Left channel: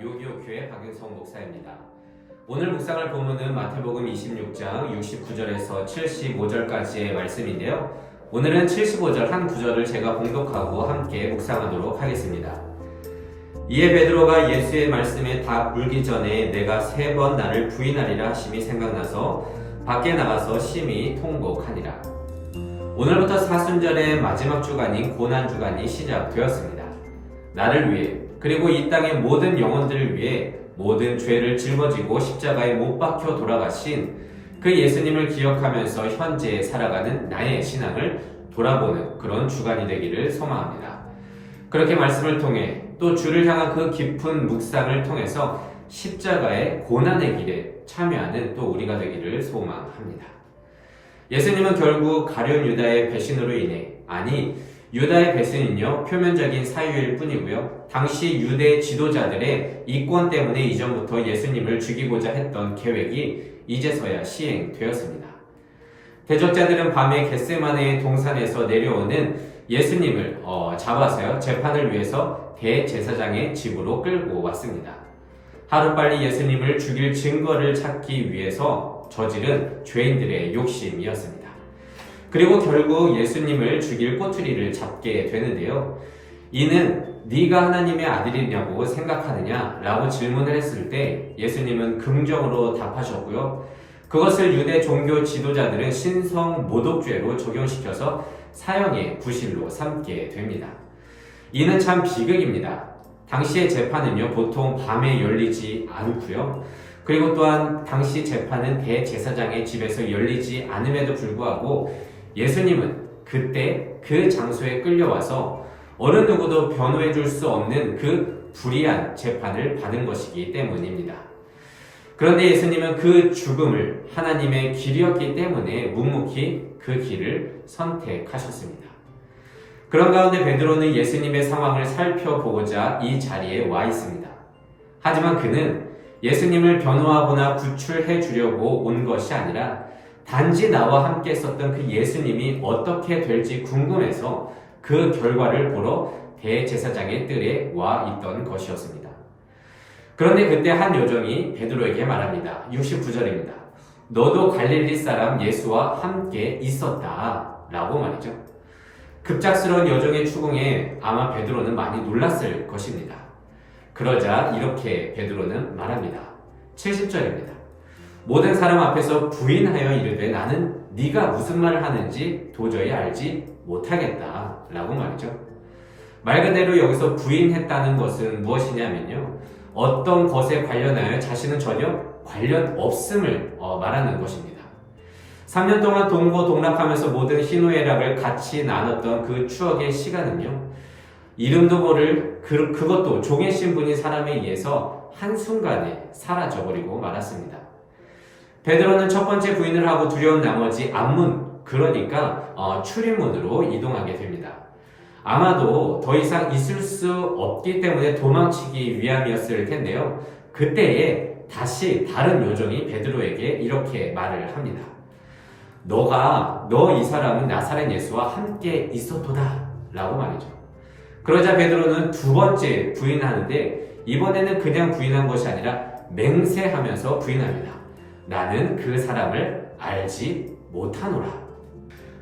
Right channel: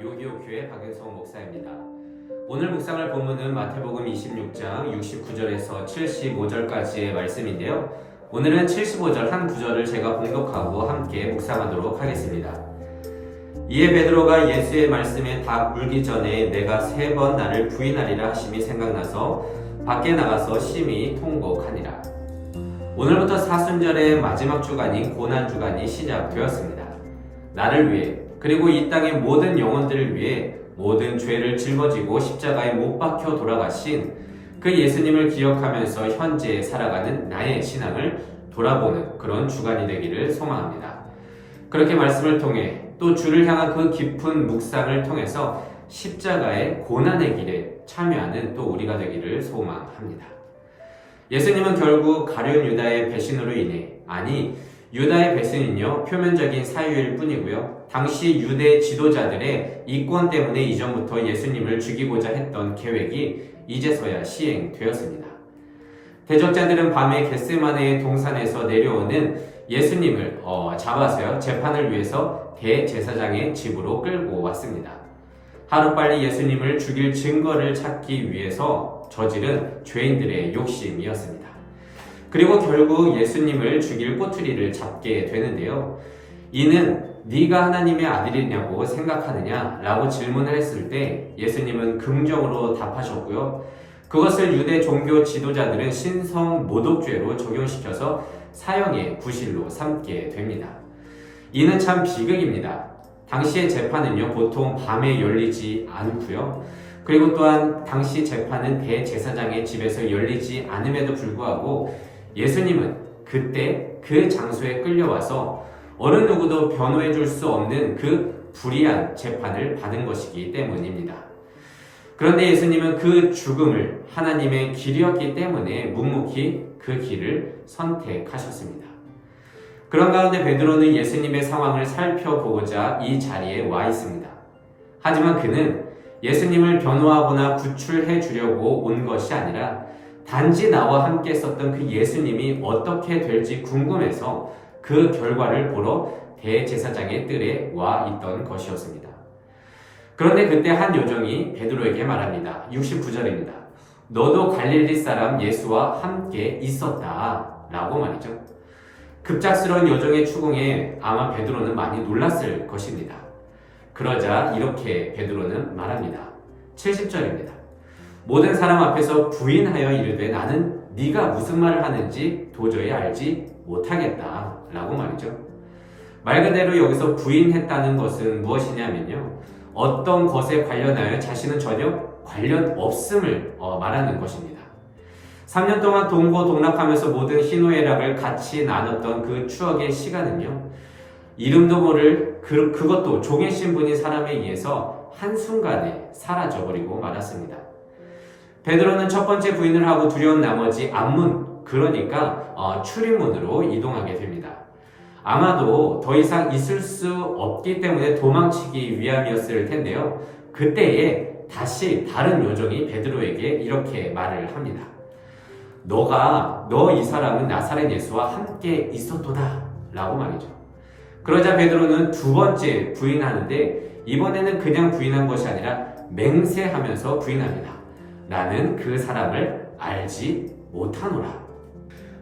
요교교회 박윤성 목사입니다. 오늘 묵상할 본문은 마태복음 26장 69절에서 75절까지의 말씀인데요. 오늘은 75절 한 구절을 제가 공독하고 함께 묵상하도록 하겠습니다. 이에 베드로가 예수의 말씀에 다 울기 전에 내가 세 번 나를 부인하리라 하심이 생각나서 밖에 나가서 심히 통곡하니라. 오늘부터 사순절의 마지막 주간인 고난 주간이 시작되었습니다. 나를 위해 그리고 이 땅의 모든 영혼들을 위해 모든 죄를 짊어지고 십자가에 못 박혀 돌아가신 그 예수님을 기억하면서 현재 살아가는 나의 신앙을 돌아보는 그런 주간이 되기를 소망합니다. 그렇게 말씀을 통해 또 주를 향한 그 깊은 묵상을 통해서 십자가의 고난의 길에 참여하는 또 우리가 되기를 소망합니다. 예수님은 결국 가룟 유다의 배신으로 인해 아니 유다의 배신은요 표면적인 사유일 뿐이고요 당시 유대 지도자들의 이권 때문에 이전부터 예수님을 죽이고자 했던 계획이 이제서야 시행되었습니다. 대적자들은 밤에 겟세마네의 동산에서 내려오는 예수님을 어, 잡아서요 재판을 위해서 대제사장의 집으로 끌고 왔습니다. 하루빨리 예수님을 죽일 증거를 찾기 위해서 저지른 죄인들의 욕심이었습니다. 그리고 결국 예수님을 죽일 꼬투리를 잡게 되는데요. 이는 네가 하나님의 아들이냐고 생각하느냐라고 질문을 했을 때 예수님은 긍정으로 답하셨고요. 그것을 유대 종교 지도자들은 신성 모독죄로 적용시켜서 사형의 구실로 삼게 됩니다. 이는 참 비극입니다. 당시의 재판은요, 보통 밤에 열리지 않고요. 그리고 또한 당시 재판은 대제사장의 집에서 열리지 않음에도 불구하고 예수님은 그때 그 장소에 끌려와서 어느 누구도 변호해 줄 수 없는 그 불의한 재판을 받은 것이기 때문입니다. 그런데 예수님은 그 죽음을 하나님의 길이었기 때문에 묵묵히 그 길을 선택하셨습니다. 그런 가운데 베드로는 예수님의 상황을 살펴보고자 이 자리에 와 있습니다. 하지만 그는 예수님을 변호하거나 구출해 주려고 온 것이 아니라 단지 나와 함께 썼던 그 예수님이 어떻게 될지 궁금해서 그 결과를 보러 대제사장의 뜰에 와 있던 것이었습니다. 그런데 그때 한 요정이 베드로에게 말합니다. 69절입니다. 너도 갈릴리 사람 예수와 함께 있었다. 라고 말이죠. 급작스러운 여정의 추궁에 아마 베드로는 많이 놀랐을 것입니다. 그러자 이렇게 베드로는 말합니다. 70절입니다. 모든 사람 앞에서 부인하여 이르되 나는 네가 무슨 말을 하는지 도저히 알지 못하겠다 라고 말이죠. 말 그대로 여기서 부인했다는 것은 무엇이냐면요. 어떤 것에 관련하여 자신은 전혀 관련 없음을 어, 말하는 것입니다. 3년 동안 동고 동락하면서 모든 희노애락을 같이 나눴던 그 추억의 시간은요. 이름도 모를 그, 그것도 종의 신분인 사람에 의해서 한순간에 사라져버리고 말았습니다. 베드로는 첫 번째 부인을 하고 두려운 나머지 앞문, 그러니까 어, 출입문으로 이동하게 됩니다. 아마도 더 이상 있을 수 없기 때문에 도망치기 위함이었을 텐데요. 그때에 다시 다른 요정이 베드로에게 이렇게 말을 합니다. 너가 너 이 사람은 나사렛 예수와 함께 있었도다 라고 말이죠. 그러자 베드로는 두 번째 부인하는데 이번에는 그냥 부인한 것이 아니라 맹세하면서 부인합니다. 나는 그 사람을 알지 못하노라.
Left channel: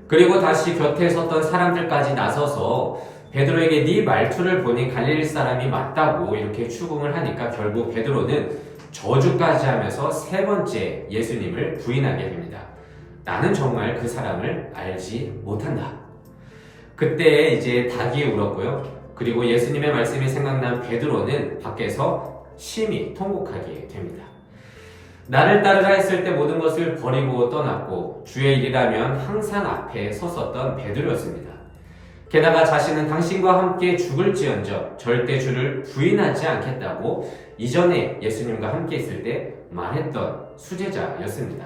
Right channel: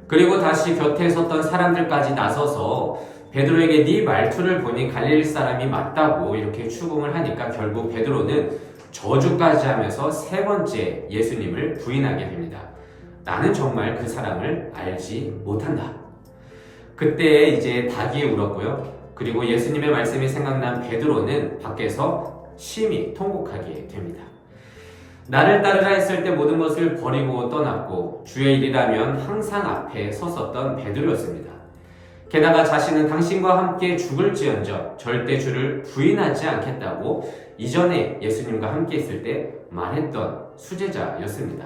그리고 다시 곁에 섰던 사람들까지 나서서 베드로에게 네 말투를 보니 갈릴리 사람이 맞다고 이렇게 추궁을 하니까 결국 베드로는 저주까지 하면서 세 번째 예수님을 부인하게 됩니다. 나는 정말 그 사람을 알지 못한다. 그때 이제 닭이 울었고요. 그리고 예수님의 말씀이 생각난 베드로는 밖에서 심히 통곡하게 됩니다. 나를 따르라 했을 때 모든 것을 버리고 떠났고 주의 일이라면 항상 앞에 섰었던 베드로였습니다. 게다가 자신은 당신과 함께 죽을지언정 절대 주를 부인하지 않겠다고 이전에 예수님과 함께 있을 때 말했던 수제자였습니다.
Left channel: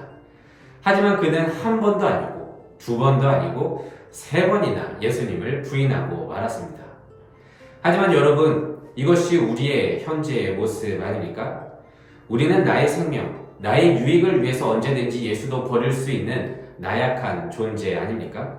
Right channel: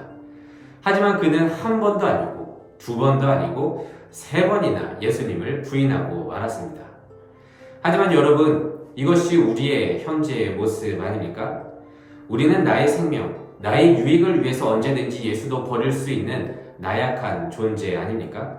하지만 그는 한 번도 아니고 두 번도 아니고 세 번이나 예수님을 부인하고 말았습니다. 하지만 여러분 이것이 우리의 현재의 모습 아닙니까? 우리는 나의 생명, 나의 유익을 위해서 언제든지 예수도 버릴 수 있는 나약한 존재 아닙니까?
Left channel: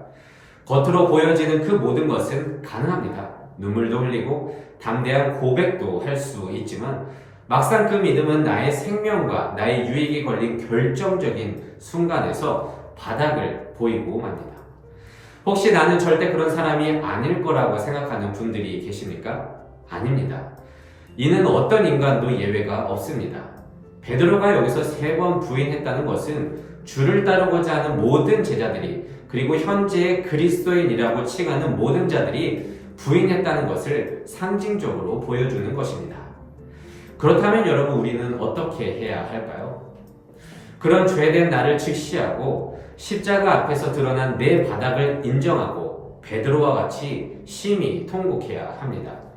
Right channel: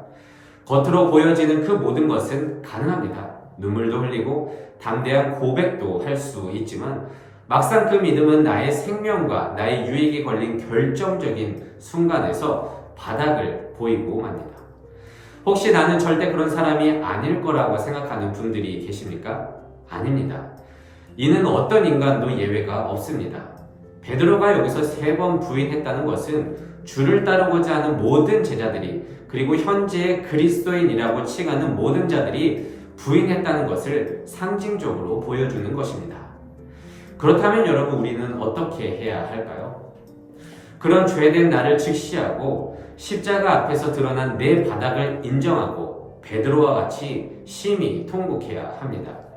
겉으로 보여지는 그 모든 것은 가능합니다. 눈물도 흘리고 담대한 고백도 할 수 있지만 막상 그 믿음은 나의 생명과 나의 유익이 걸린 결정적인 순간에서 바닥을 보이고 맙니다. 혹시 나는 절대 그런 사람이 아닐 거라고 생각하는 분들이 계십니까? 아닙니다. 이는 어떤 인간도 예외가 없습니다. 베드로가 여기서 세 번 부인했다는 것은 주를 따르고자 하는 모든 제자들이 그리고 현재의 그리스도인이라고 칭하는 모든 자들이 부인했다는 것을 상징적으로 보여주는 것입니다. 그렇다면 여러분 우리는 어떻게 해야 할까요? 그런 죄된 나를 직시하고 십자가 앞에서 드러난 내 바닥을 인정하고 베드로와 같이 심히 통곡해야 합니다.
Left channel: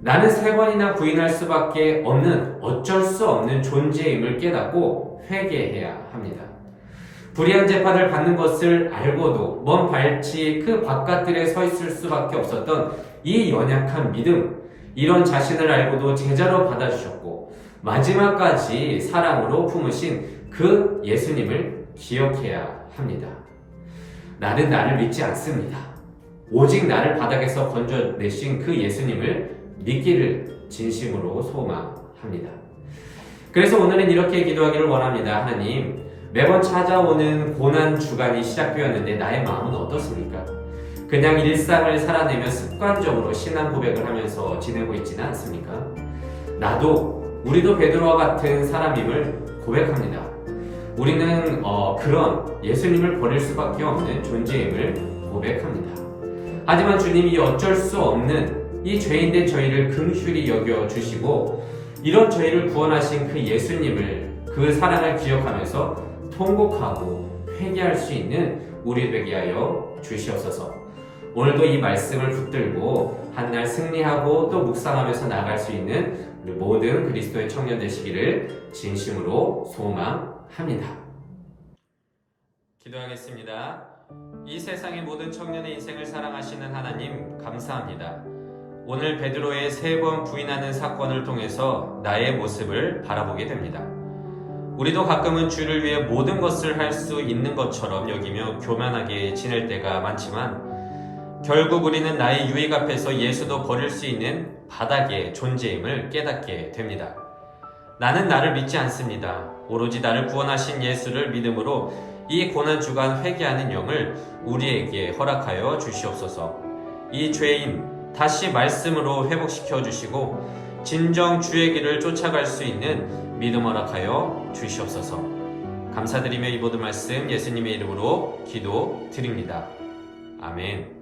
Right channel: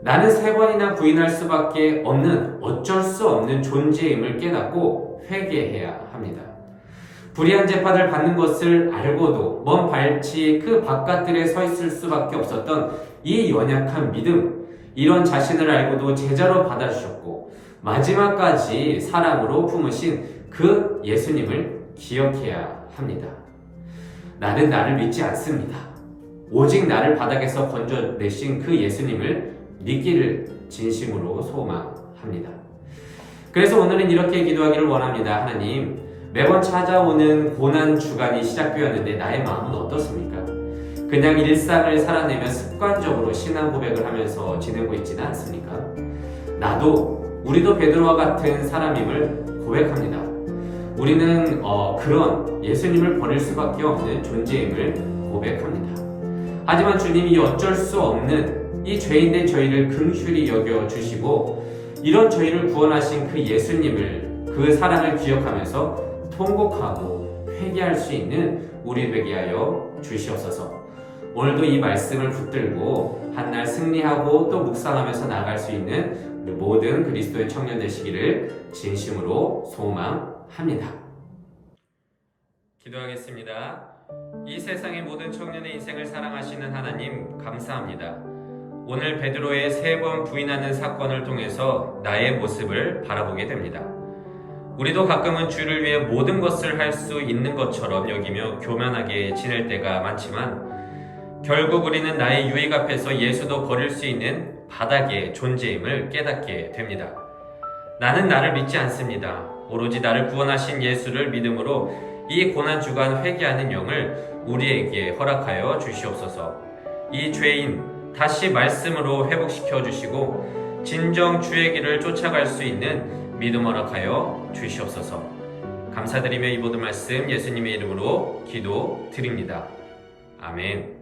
나는 세 번이나 부인할 수밖에 없는 어쩔 수 없는 존재임을 깨닫고 회개해야 합니다. 불의한 재판을 받는 것을 알고도 먼 발치 그 바깥들에 서 있을 수밖에 없었던 이 연약한 믿음, 이런 자신을 알고도 제자로 받아주셨고 마지막까지 사랑으로 품으신 그 예수님을 기억해야 합니다. 나는 나를 믿지 않습니다. 오직 나를 바닥에서 건져내신 그 예수님을 믿기를 진심으로 소망합니다. 그래서 오늘은 이렇게 기도하기를 원합니다. 하나님, 매번 찾아오는 고난 주간이 시작되었는데 나의 마음은 어떻습니까? 그냥 일상을 살아내며 습관적으로 신앙 고백을 하면서 지내고 있지는 않습니까? 나도 우리도 베드로와 같은 사람임을 고백합니다. 우리는 어, 그런 예수님을 버릴 수밖에 없는 존재임을 고백합니다. 하지만 주님이 어쩔 수 없는 이 죄인된 저희를 긍휼히 여겨 주시고 이런 저희를 구원하신 그 예수님을 그 사랑을 기억하면서 통곡하고 회개할 수 있는 우리 되게 하여 주시옵소서. 오늘도 이 말씀을 붙들고 한날 승리하고 또 묵상하면서 나갈 수 있는 우리 모든 그리스도의 청년 되시기를 진심으로 소망합니다. 기도하겠습니다. 이 세상의 모든 청년의 인생을 사랑하시는 하나님 감사합니다. 오늘 베드로의 세 번 부인하는 사건을 통해서 나의 모습을 바라보게 됩니다. 우리도 가끔은 주를 위해 모든 것을 할 수 있는 것처럼 여기며 교만하게 지낼 때가 많지만 결국 우리는 나의 유익 앞에서 예수도 버릴 수 있는 바닥의 존재임을 깨닫게 됩니다. 나는 나를 믿지 않습니다. 오로지 나를 구원하신 예수를 믿음으로 이 고난 주간 회개하는 영을 우리에게 허락하여 주시옵소서. 이 죄인 다시 말씀으로 회복시켜 주시고 진정 주의 길을 쫓아갈 수 있는 믿음 허락하여 주시옵소서. 감사드리며 이 모든 말씀 예수님의 이름으로 기도 드립니다. 아멘.